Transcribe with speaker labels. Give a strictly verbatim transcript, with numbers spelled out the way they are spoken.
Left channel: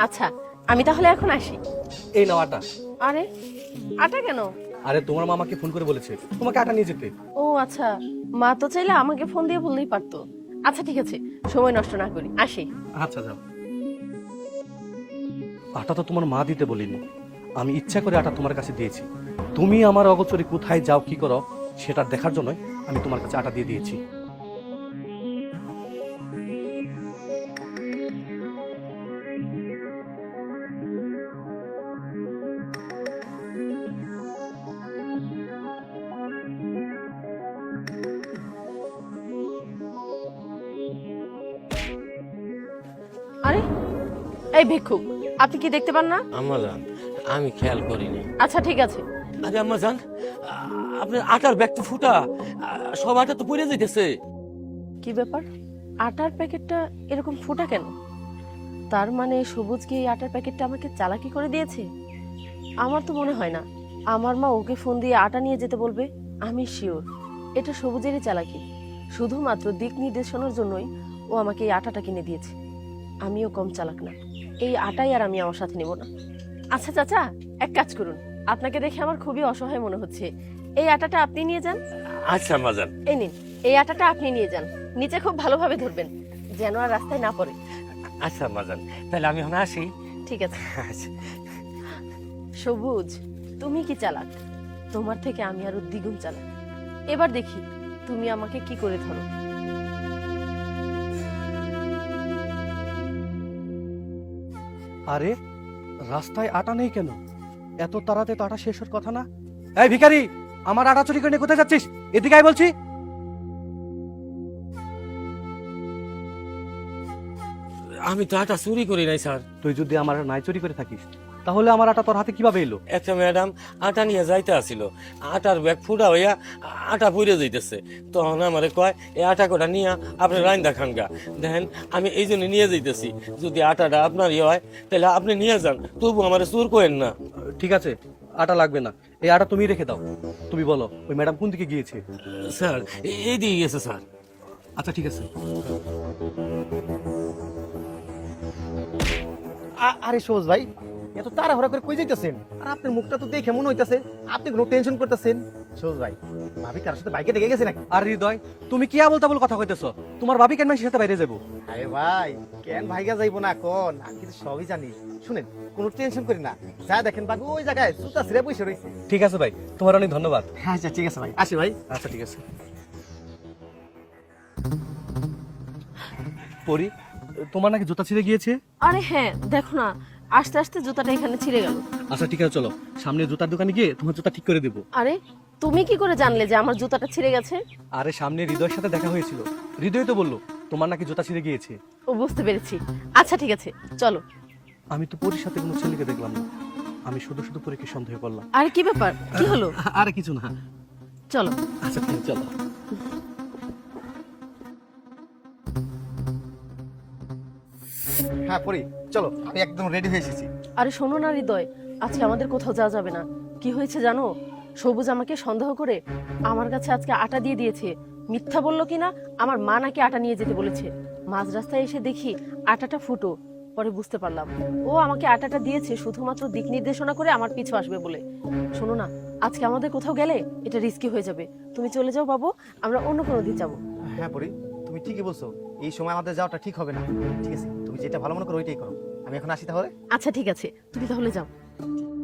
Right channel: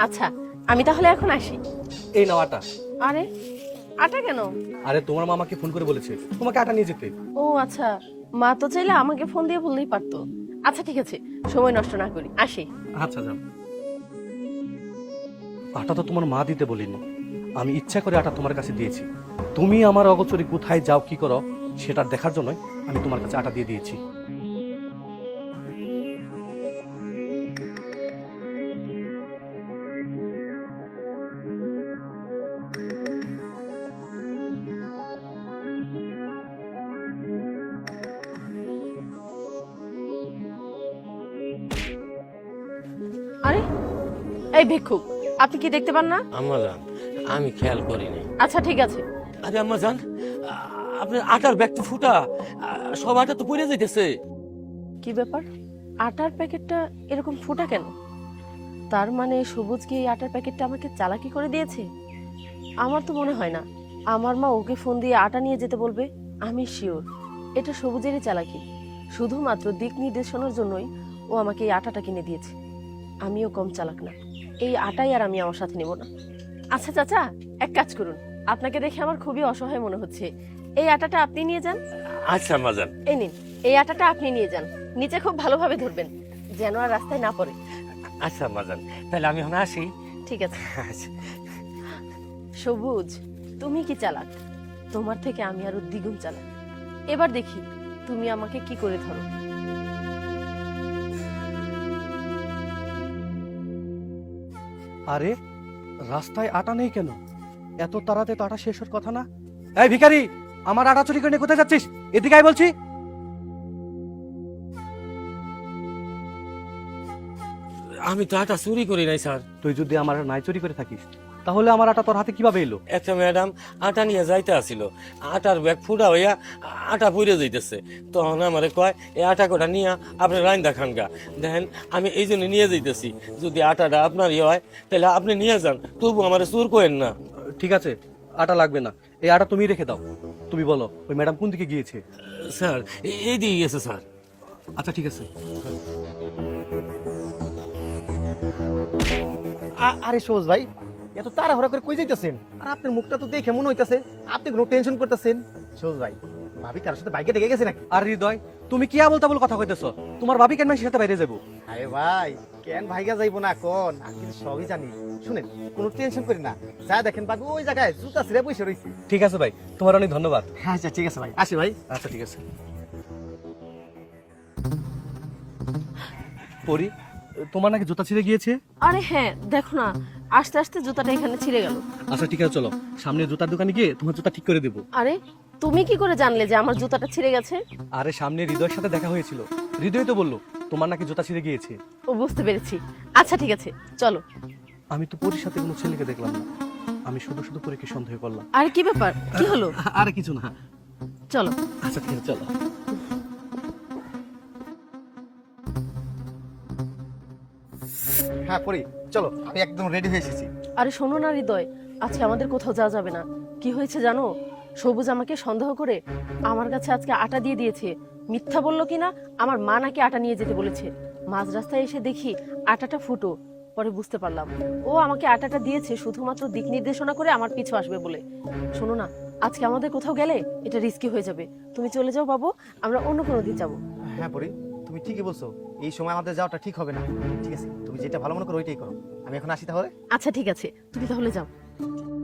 Speaker 1: আচ্ছা আমি তাহলে এখন আসি।
Speaker 2: এই নাও আটা।
Speaker 1: আরে আটা কেন?
Speaker 2: আরে তোমার মা আমাকে ফোন করে বলেছে তোমাকে আটা নিয়ে যেতে।
Speaker 1: ও আচ্ছা, মা তো চাইলে আমাকে ফোন দিয়ে বললেই পারতো। আচ্ছা ঠিক আছে, সময় নষ্ট না করি, আসি।
Speaker 2: আচ্ছা যান। আটা তো তোমার মা দিতে বলিনি, আমি ইচ্ছা করে আটা তোমার কাছে দিয়েছি। তুমি আমার অগোচরে কোথায় যাও কি করো সেটা দেখার জন্য আমি তোমার কাছে আটা দিয়ে দিয়েছি।
Speaker 1: আরে এই ভিক্ষুক, আপনি কি দেখতে পান না?
Speaker 3: আম্মা জান, আমি খেয়াল করিনি।
Speaker 1: আচ্ছা ঠিক আছে।
Speaker 3: আরে আম্মা জান, আপনার আটার ব্যাগ তো ফুটা, সব আটা তো পড়ে যাইতেছে।
Speaker 1: কি ব্যাপার, আটার প্যাকেটটা এরকম ফোটা কেন? তার মানে সবুজ কি এই আটার প্যাকেটটা আমাকে চালাকি করে দিয়েছে? আমার তো মনে হয় না আমার মা ওকে ফোন দিয়ে আটা নিয়ে যেতে বলবে। আমি শিওর এটা সবুজেরই চালাকি। শুধুমাত্র দিক নির্দেশনার জন্যই ও আমাকে এই আটাটা কিনে দিয়েছে। আমিও কম চালাক না, এই আটাই আর আমি আমার সাথে নিব না। আচ্ছা চাচা, এক কাজ করুন, আপনাকে দেখে আমার খুবই অসহায় মনে হচ্ছে, এই আটাটা আপনি নিয়ে যান।
Speaker 3: আচ্ছা আম্মা জান।
Speaker 1: এই নিন, এই আটাটা আপনি নিয়ে যান, নিচে খুব ভালোভাবে ধরবেন যেন আর রাস্তায় না পড়ে।
Speaker 3: আচ্ছা আম্মা জান, তাহলে আমি এখন আসি।
Speaker 1: ঠিক আছে।
Speaker 3: আচ্ছা।
Speaker 1: সবুজ, তুমি কি চালাক, তোমার থেকে আমি আরো দ্বিগুণ চালাক। এবার দেখি তুমি আমাকে কি করে ধরো।
Speaker 2: আরে রাস্তায় আটা নেই কেন? এত তাড়াতাড়ি তো আটা শেষ হওয়ার কথা না। এই ভিখারি, আমার আটা চুরি করে নিয়ে কোথায় যাচ্ছিস? এদিকে আয় বলছি।
Speaker 3: আমি তো আটা চুরি করি নাই স্যার।
Speaker 2: তুই যদি আমার নাই চুরি করে থাকিস তাহলে আমার আটা তোর হাতে কিভাবে এলো?
Speaker 3: এত ম্যাডাম আটা নিয়ে যাইতে আসিল, আটার ব্যাগ ফুটা হইয়া আটা পড়ে যাইতেছে। তখন আমারে কয় এই আটা কটা নিয়ে আপনি রাইন দেখান গা। দেখেন আমি এই জন্য নিয়ে যাইতেছি, যদি আটাটা আপনারই হয় তাহলে আপনি নিয়ে যান, তবু আমার চোর করেন না।
Speaker 2: ঠিক আছে, আটা লাগবে না, এই আটা তুমি রেখে দাও। তুমি বলো ওই ম্যাডাম কোন দিকে গিয়েছে?
Speaker 3: স্যার এই দিয়ে গেছে স্যার।
Speaker 2: আচ্ছা ঠিক আছে। আরে সোজ ভাই, এত তাড়াহুড়া করে কই যাইতেছেন? আর আপনার মুখটা তো দেখে মনে হইতাছে আপনি কোনো টেনশন করতেছেন। সোজ ভাই, ভাবি কার সাথে বাইকে দেখে গেছে নাকি? আর হৃদয়, তুমি কি আবল তাবল কথা কইতেছো? তোমার ভাবি কেন মাসির সাথে বাইরে যাবো? আরে ভাই, কেন ভাইগা যাইবো না কোন? আমি সবই জানি। শুনেন, কোনো টেনশন করি না, যা দেখেন বাবু ওই জায়গায় জুতা ছিঁড়ে বসে রইছে। ঠিক আছে ভাই, তোমার অনেক ধন্যবাদ। আচ্ছা ঠিক আছে ভাই, আসি ভাই। আচ্ছা ঠিক আছে। পরি, তোমার নাকি জুতা ছিঁড়ে গিয়েছে?
Speaker 1: আরে হ্যাঁ, দেখো না আস্তে আস্তে জুতাটা এখানে ছিঁড়ে গেল।
Speaker 2: আচ্ছা ঠিক আছে, চলো সামনে জুতার দোকানে গিয়ে তোমার জুতা ঠিক করে দেবো।
Speaker 1: আরে তুমি কি করে জানলে যে আমার জুতাটা ছিঁড়ে গেছে?
Speaker 2: আরে সামনে হৃদয়ের সাথে দেখা হয়েছিল, হৃদয় তো বললো তোমার নাকি জুতা ছিঁড়ে গিয়েছে।
Speaker 1: ও বুঝতে পেরেছি। আচ্ছা ঠিক আছে চলো।
Speaker 2: আমি তো পরীর সাথে কোনো ছেলেকে দেখলাম না, আমি শুধু শুধু পরীকে সন্দেহ করলাম।
Speaker 1: আরে কি ব্যাপার, কি হলো?
Speaker 2: আরে কিছু না,
Speaker 1: চলো।
Speaker 2: আচ্ছা চলো। হ্যাঁ পরি, চলো আমি একদম রেডি হয়ে এসেছি।
Speaker 1: আরে শোনো না হৃদয়, আজকে আমাদের কোথাও যাওয়া যাবে না। কি হয়েছে জানো, সবুজ আমাকে সন্দেহ করে আমার কাছে আজকে আটা দিয়ে দিয়েছে। মিথ্যা বললো কিনা, আমার মা নাকি আটা নিয়ে যেতে বলেছে। মাঝ রাস্তায় এসে দেখি আটাটা ফুটো। পরে বুঝতে পারলাম ও আমাকে আটাটা দিয়েছে শুধুমাত্র দিক নির্দেশনা করে আমার পিছু আসবে বলে। শোনো না, আজকে আমাদের কোথাও গেলে এটা রিস্কি হয়ে যাবে। তুমি চলে যাও বাবু, আমরা অন্য কোনো দিন যাবো।
Speaker 2: হ্যাঁ পরি, তুমি ঠিকই বলছো, এই সময় আমাদের যাওয়াটা ঠিক হবে না। ঠিক আছে, তুমি যেটা ভালো মনে করো ওইটাই করো। আমি এখন আসি তাহলে।
Speaker 1: আচ্ছা ঠিক আছে, তুমি তাহলে যাও।